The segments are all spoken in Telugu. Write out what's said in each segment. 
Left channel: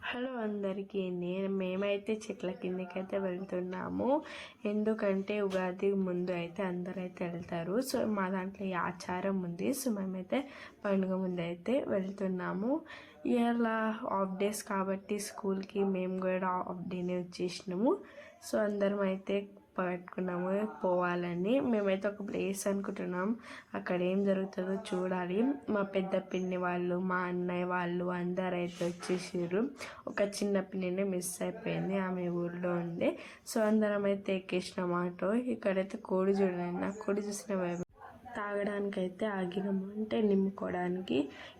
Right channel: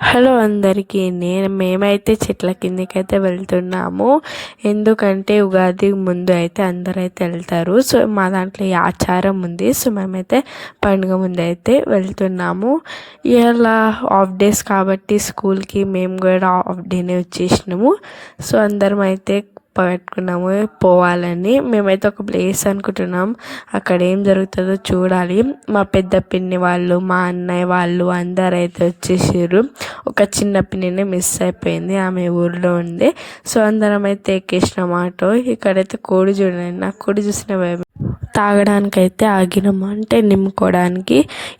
హలో అందరికీ. మేమైతే చెట్ల కిందకైతే వెళ్తున్నాము. ఎందుకంటే ఉగాది ముందు అయితే అందరైతే వెళ్తారు. సో మా దాంట్లో ఈ ఆచారం ఉంది. సో మేమైతే పండుగ ముందు అయితే వెళ్తున్నాము. ఇలా హాఫ్ డేస్ కాబట్టి స్కూల్కి మేము కూడా హాఫ్ డేనే వచ్చేసినాము. సో అందరం అయితే పెట్టుకున్నాము పోవాలని. మేమైతే ఒక ప్లేస్ అనుకుంటున్నాం, అక్కడ ఏం జరుగుతుందో చూడాలి. మా పెద్ద పిన్ని వాళ్ళు, మా అన్నయ్య వాళ్ళు అందరు అయితే వచ్చేసారు. ఒక చిన్న పిన్నినే మిస్ అయిపోయింది, ఆమె ఊర్లో ఉంది. సో అందరం అయితే ఎక్కేసినాం ఆటో. ఇక్కడైతే కోడి చూడండి, నాకు కోడి చూసిన తాగడానికైతే ఆగినాము, అంటే నింపుకోవడానికి.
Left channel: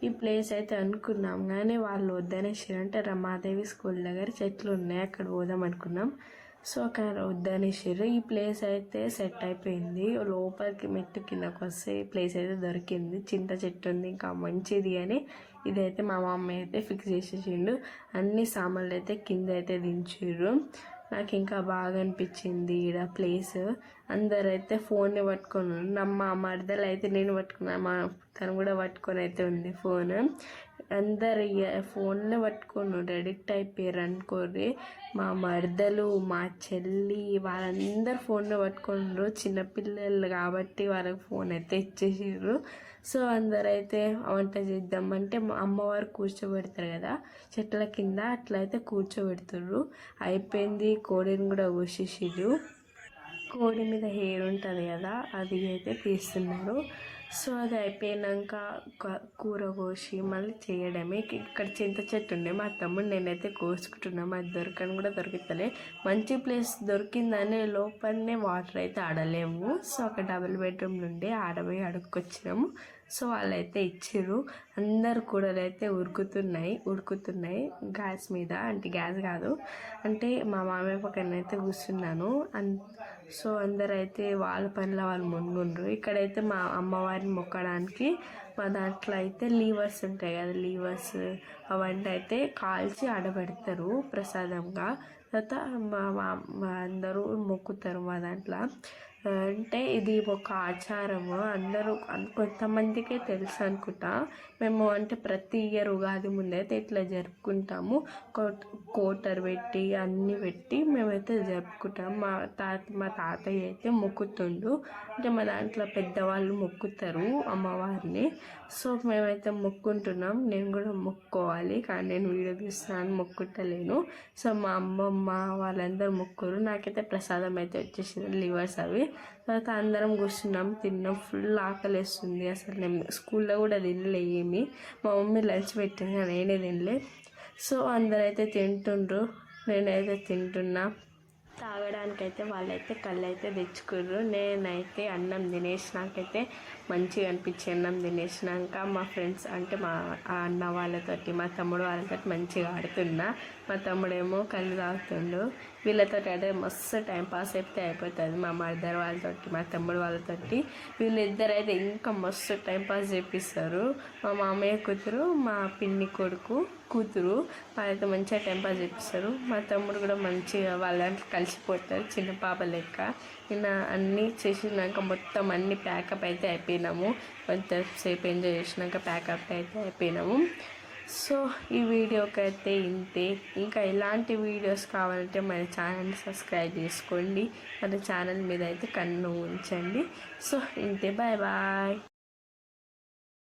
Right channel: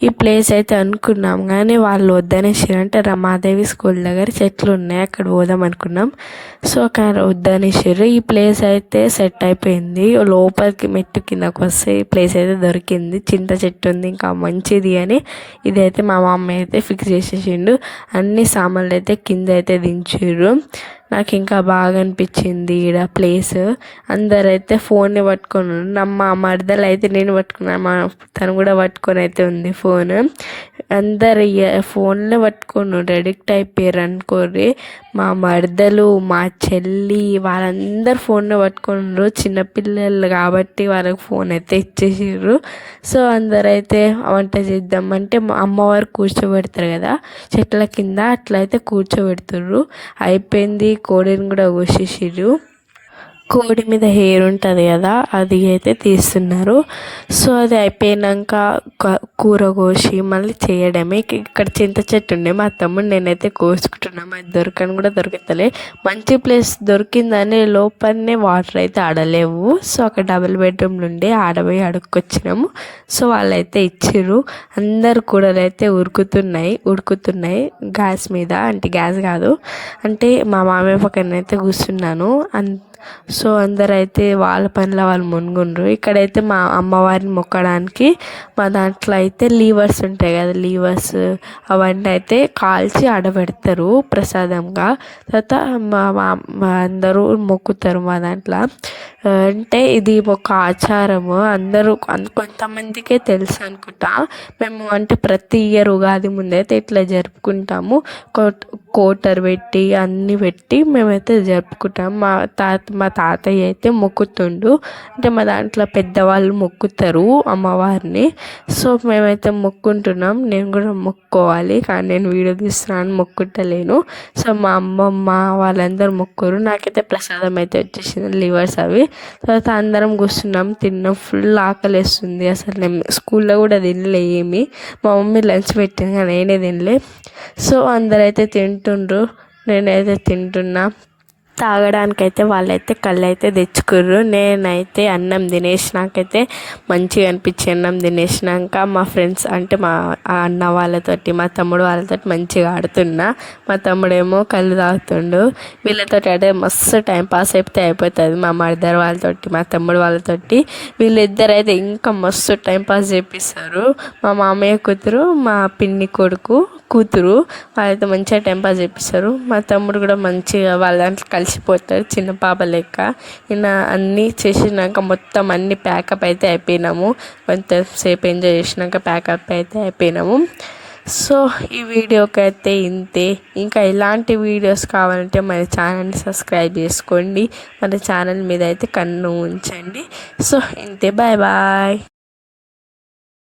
ఈ ప్లేస్ అయితే అనుకున్నాం కానీ వాళ్ళు వద్దనేసారు. అంటే రమాదేవి స్కూల్ దగ్గర చెట్లు ఉన్నాయి, అక్కడ పోదాం అనుకున్నాం. సో అక్కడ వద్దనేసారు. ఈ ప్లేస్ అయితే సెట్ అయిపోయింది. లోపలికి మెట్టు కిందకు వస్తే ఈ ప్లేస్ అయితే దొరికింది. చింత చెట్టు ఉంది, ఇంకా మంచిది అని ఇదైతే మా మమ్మీ అయితే ఫిక్స్ చేసేసిండు. అన్ని సామాన్లు అయితే కింద అయితే దించారు. నాకు ఇంకా బాగా అనిపించింది ఈడ ప్లేస్. అందరైతే ఫోన్ని పట్టుకొని మా మరదలు అయితే నేను పట్టుకున్నాను, తను కూడా పట్టుకొని అయితే ఉంది ఫోన్. అందరు ఫోన్లో పట్టుకొని అడిక్ట్ అయిపోయారు అనుకోర్రి. మా మరదలు, మా చెల్లి వాళ్ళందరూ ఫోన్లో పట్టుకున్నారు. చిన్నపిల్లలు కాబట్టి వాళ్ళకి ఫోన్ అయితే ఇచ్చేసారు. సో అందరైతే వంట చేద్దామంటే మా అమ్మవారు కూర్చోబెడతారు కదా చెట్ల కింద, అట్లయితే కూర్చోబెడుతుర్రు. అయిపోయింది, కోడిని కూడా కోసేసారు. కోడి మీద హెయిర్ ఉంటుంది కదా, అది అయితే తీస్తున్నారు. సో అది అయిపోయాక కూర కోసి మళ్ళీ చేయడమే. ఇక్కడ చింత చెట్టు ఉండే, మా తమ్ముడు నేనైతే కోసుకుంటున్నాము. అది దొరకని కూడా దొరుకుతలే. మంచి ప్లేస్ దొరికిందని లోపలనే వాటర్ అయితే ఆడలేవు. సో అక్కడ డబుల్ బెడ్రూమ్లు ఉండే, ఆడపోయి అడుక్కొచ్చినాము. సో వాళ్ళైతే ఇచ్చిర్రు. అందరు కూరలు అయితే ఉడుకుతున్నాయి గ్యాస్ మీద. అంటే గ్యాస్ కాదు, అంటే మా మామయ్య పక్కన అయితే కూర్చున్నాను. సో అందరైతే వాళ్ళ పనిలో వాళ్ళు మునుగుండ్రు. ఇక్కడైతే మా అమ్మవారిని మొక్కడానికి మా దాంట్లో అయితే లీవర్స్ ఉంటాయి కదా, లీవర్స్ అవన్నీ అయితే కాల్చి ఆడబెడతారు ప్రసాదంగా. తర్వాత మా అందరూ మొక్కుతారు మా దాంట్లో. అంటే ఇది ఒక ఆచారము. అందరూ కొంతమందికే తెలుసు అనుకుంటా. మేము అంటే ప్రతి ఇయర్ ఉగాది ముందైతే ఇట్లా జరుపుకుంటాము. కోటర్ పెట్టి అన్నీ పెట్టి మేమైతే జరుపుకుంటాం. మా తాతయ్య అయితే మొక్కుతుండు. అంటే మా దాంట్లో పెద్దవాళ్ళు మొక్కుతారు అమ్మవారిని. సో మేమైతే మొక్కుంటున్నాం. నేను కూడా మొక్కుకోవాలి, కానీ నేను వీడియో తీస్తున్నాను, మొక్కుంటలేను. సో మా అమ్మమ్మ వాళ్ళందరూ మొక్కురు. నాకైతే ప్రసాదం అయితే వచ్చేసింది, లివర్స్ అవి. తర్వాత అందరం కూర్చున్నాం, తిన్నాం. ఫుల్ ఆకలి వేస్తుంది. అసలు నేను స్కూల్లో కూడా తినలే ఏమి. మా మమ్మీ లంచ్ పెట్టింది కానీ నేనే తినలే. సో అందరైతే తింటుండ్రు, నేనైతే తింటున్నా. తాగడానికైతే వాళ్ళైతే కళ్ళు అయితే తెచ్చుకుర్రు. నేనైతే అన్నం తినేసినాకైతే మంచిగా అనిపించి అన్నం తినేసినాక మా ఫ్రెండ్స్ అంటే మా అన్న వాళ్ళతోటి, మా తమ్ముడు వాళ్ళతోటి మంచిగా ఆడుతున్నా. మా తమ్ముడేమో కళ్ళు తాగుతుండు. వీళ్ళతో అంటే మస్తు టైం పాస్ అయితే అయిపోతుంది. మా మదర్ వాళ్ళతోటి, మా తమ్ముడు వాళ్ళతోటి. వీళ్ళిద్దరైతే ఇంకా మస్తు టైం పాస్ చేపిస్తారు. మా మామయ్య కూతురు, మా పిన్ని కొడుకు కూతురు, వాళ్ళైతే మంచిగా టైం పాస్ చేపిస్తారు. మా తమ్ముడు కూడా మంచిగా వాళ్ళ దాంట్లో కలిసిపోతాడు, చిన్న పాప లెక్క. ఇలా అన్నీ చేసినాక మొత్తం అన్నీ ప్యాకప్ అయితే అయిపోయినాము. కొంతసేపు ఎంజాయ్ చేసినాక ప్యాకప్ అయితే అయిపోయినాము. సో ఈ వీడియోకి అయితే ఇంతే. ఇంకా ఇలాంటి వీడియోస్ కావాలంటే మన ఛానల్ని సబ్స్క్రైబ్ చేసుకోండి. మన ఛానల్ మీద అయితే కన్ను ఉంచండి. సో ఇంతే, బాయ్ బాయ్.